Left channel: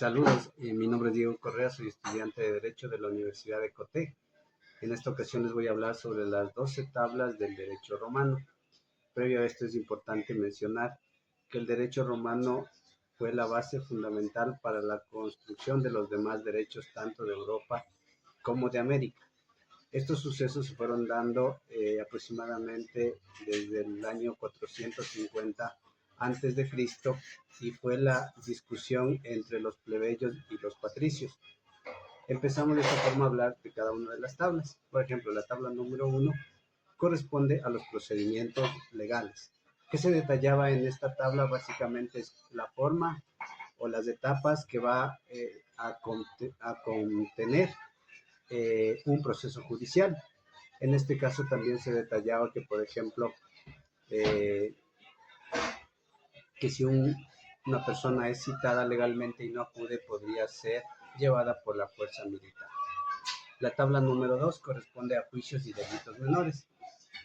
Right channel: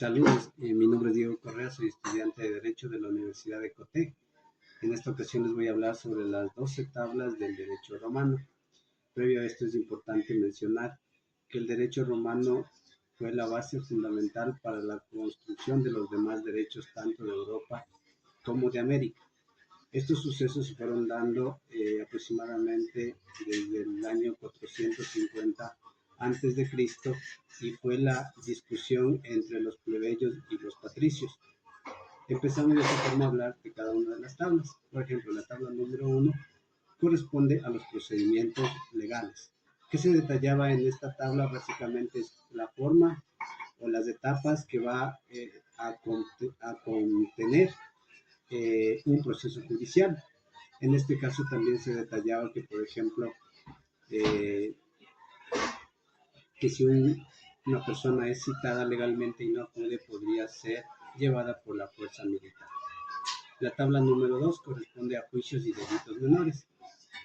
Saludos, mi nombre es Diego Correa, soy estudiante de Derecho de la Universidad de Cotec. En esta ocasión les voy a hablar sobre las 12 tablas del derecho romano. Previo a esto es importante mencionar que el derecho romano fue la base fundamental para la construcción de los demás derechos tanto de Europa como de América. Estos sucesos se fueron dando aproximadamente desde el año 450 antes de Cristo y fue la discusión entre los plebeyos y los patricios. Empezamos de esta forma a hablar de cada una de las tablas. Por ejemplo, la tabla número 1 corresponde a los procedimientos legales. ¿Qué se detallaba en esta tabla? Básicamente es la forma o las etapas que va a contener un proceso judicial. En este caso también se detallaba que, por ejemplo, que si una persona es citada legalmente y no acude, podría ser llevada por la fuerza militar. La tabla número 2 corresponde a juicios y delitos menores.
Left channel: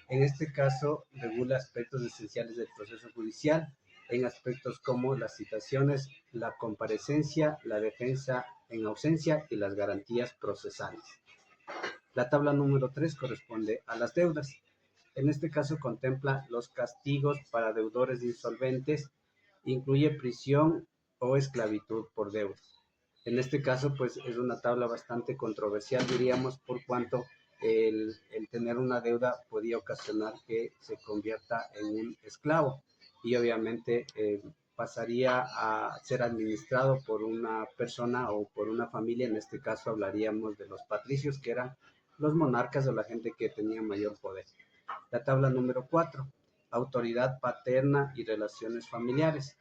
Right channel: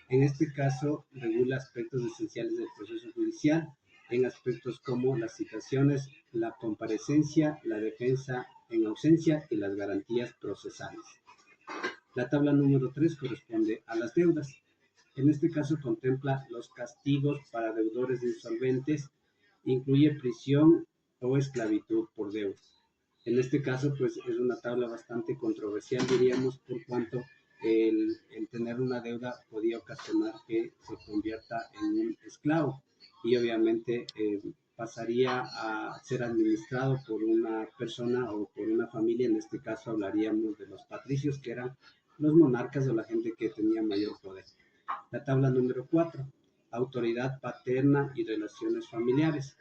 En este caso, regula aspectos esenciales del proceso judicial, en aspectos como las citaciones, la comparecencia, la defensa en ausencia y las garantías procesales. La tabla número 3 corresponde a las deudas. En este caso contempla los castigos para deudores insolventes, incluye prisión o esclavitud por deuda. En este caso, pues es una tabla bastante controversial, diríamos, por cuanto el tener una deuda podía ocasionar que se convierta en un esclavo y obviamente pasaría a ser administrado por una persona o por una familia. En este caso hablaríamos de los patricios, que eran los monarcas o la gente que tenía mayor poder. La tabla número 4, autoridad paterna y relaciones familiares.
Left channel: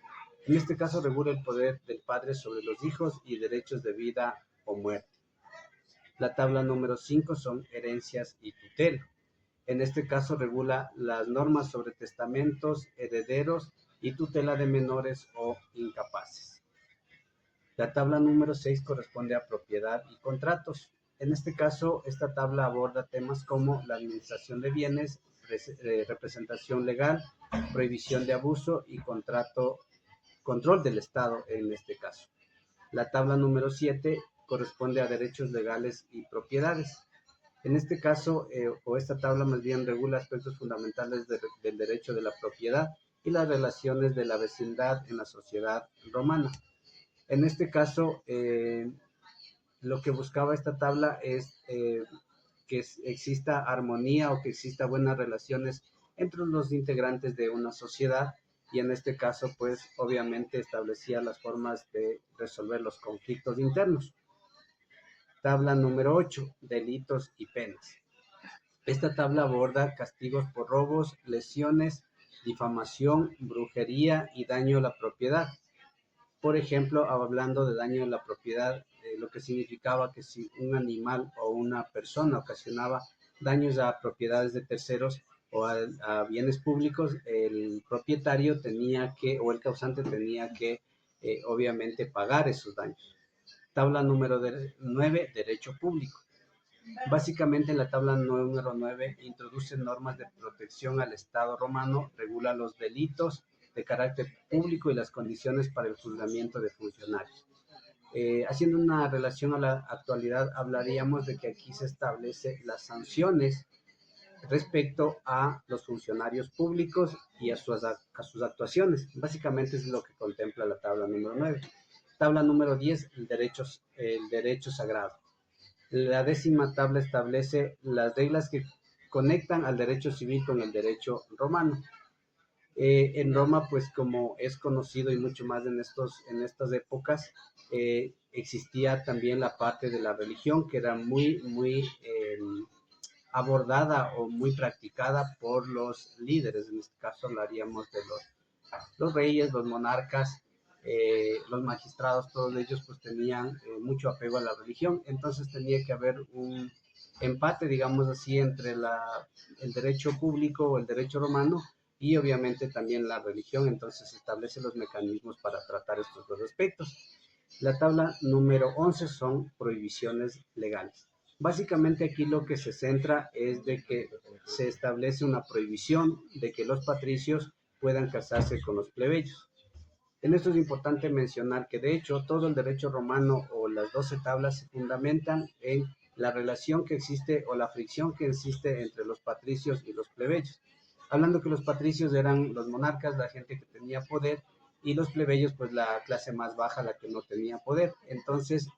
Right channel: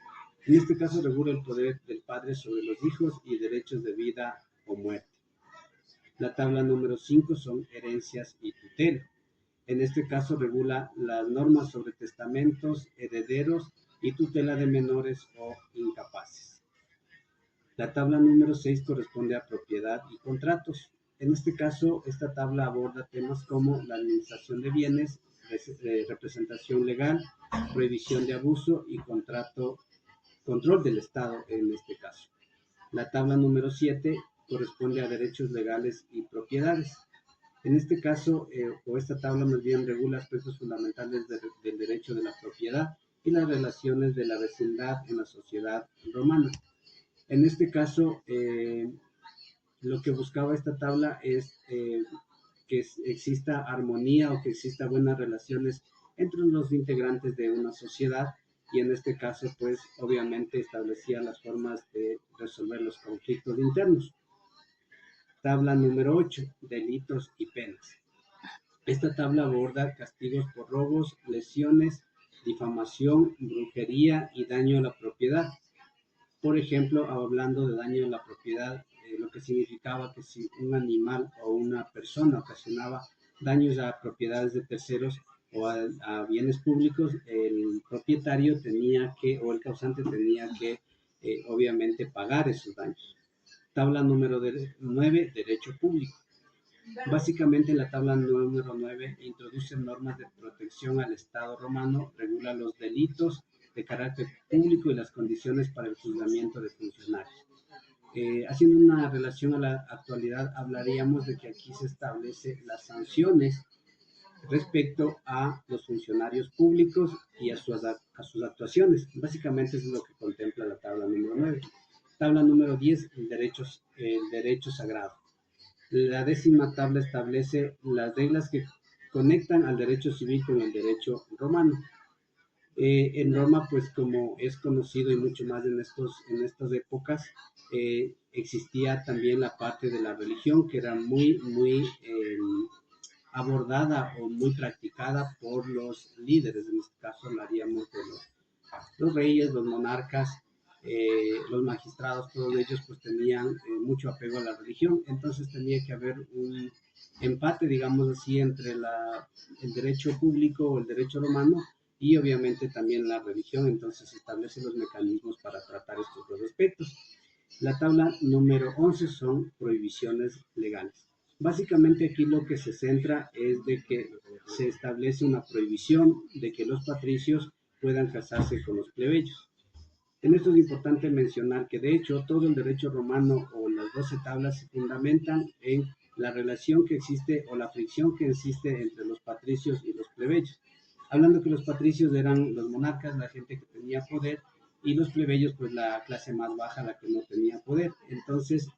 En este caso regula el poder del padre sobre los hijos y derechos de vida o muerte. La tabla número 5 son herencias y tutela. En este caso regula las normas sobre testamentos, herederos y tutela de menores o incapaces. La tabla número 6 corresponde a propiedad y contratos. En este caso, esta tabla aborda temas como la administración de bienes, representación legal, prohibición de abuso y control del Estado en este caso. La tabla número 7 corresponde a derechos legales y propiedades. En este caso, o esta tabla más bien regula aspectos fundamentales del derecho de la propiedad y las relaciones de la vecindad en la sociedad romana. En este caso, lo que buscaba esta tabla es que exista armonía o que exista buenas relaciones entre los integrantes de una sociedad, y en este caso pues obviamente establecía las formas de resolver los conflictos internos. Tabla número 8, delitos y penas. Esta tabla aborda castigos por robos, lesiones, difamación, brujería y daño a la propiedad. Por ejemplo, hablando de daño a la propiedad, lo que significaba que si un animal o una persona ocasionaba daños a propiedades de terceros o a bienes públicos, el propietario tenía que, o el causante tenía que, obviamente, pagar esos daños. Tabla número 9, derecho público. Básicamente la tabla número 9 introduce normas de protección al Estado romano, regula los delitos de carácter público y las condiciones para el juzgamiento de funcionarios. Haciendo una relación a la actualidad, hablaríamos de que aquí se establece las sanciones respecto a los funcionarios públicos y a sus actuaciones. Básicamente es lo que contempla la tabla número 9. Tabla número 10, el derecho sagrado. La 10ª tabla establece las reglas que conectan al derecho civil con el derecho romano. En Roma, pues como es conocido y mucho más en estas épocas, existía también la parte de la religión que era muy abordada o muy practicada por los líderes. En este caso hablaríamos de los reyes, los monarcas, los magistrados. Todos ellos pues tenían mucho apego a la religión. Entonces tenía que haber un empate, digamos así, entre el derecho público o el derecho romano y obviamente también la religión. Entonces se establecen los mecanismos para tratar estos dos aspectos. La tabla número 11 son prohibiciones legales. Básicamente aquí lo que se centra es de que se establece una prohibición de que los patricios puedan casarse con los plebeyos. En esto es importante mencionar que de hecho todo el derecho romano o las 12 tablas se fundamentan en la relación que existe o la fricción que existe entre los patricios y los plebeyos. Hablando que los patricios eran los monarcas, la gente que tenía poder, y los plebeyos, pues la clase más baja, la que no tenía poder. Entonces,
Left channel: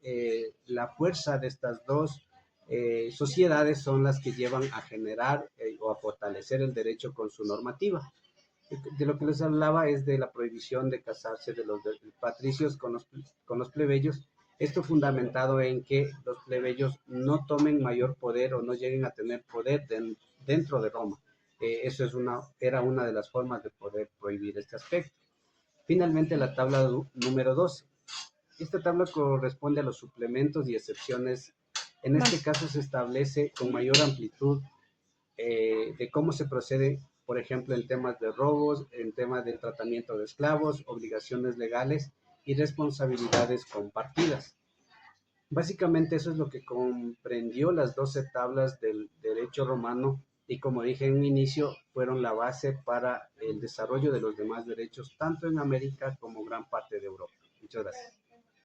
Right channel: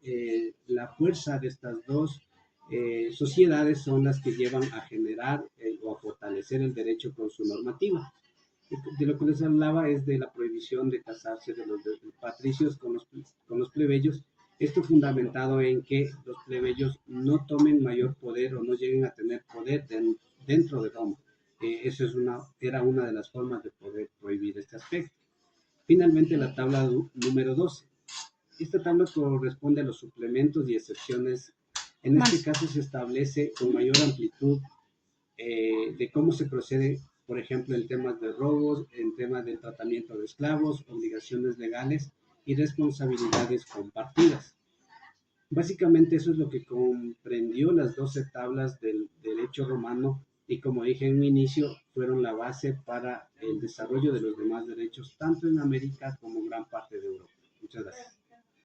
la fuerza de estas dos sociedades son las que llevan a generar o a fortalecer el derecho con su normativa. De lo que les hablaba es de la prohibición de casarse de los patricios con los plebeyos, esto fundamentado en que los plebeyos no tomen mayor poder o no lleguen a tener poder dentro de Roma. Eso era una de las formas de poder prohibir este aspecto. Finalmente, la tabla número 12. Esta tabla corresponde a los suplementos y excepciones. En este caso se establece con mayor amplitud de cómo se procede, por ejemplo, en temas de robos, en temas del tratamiento de esclavos, obligaciones legales y responsabilidades compartidas. Básicamente eso es lo que comprendió las 12 tablas del derecho romano y, como dije en un inicio, fueron la base para el desarrollo de los demás derechos tanto en América como en gran parte de Europa. Muchas gracias.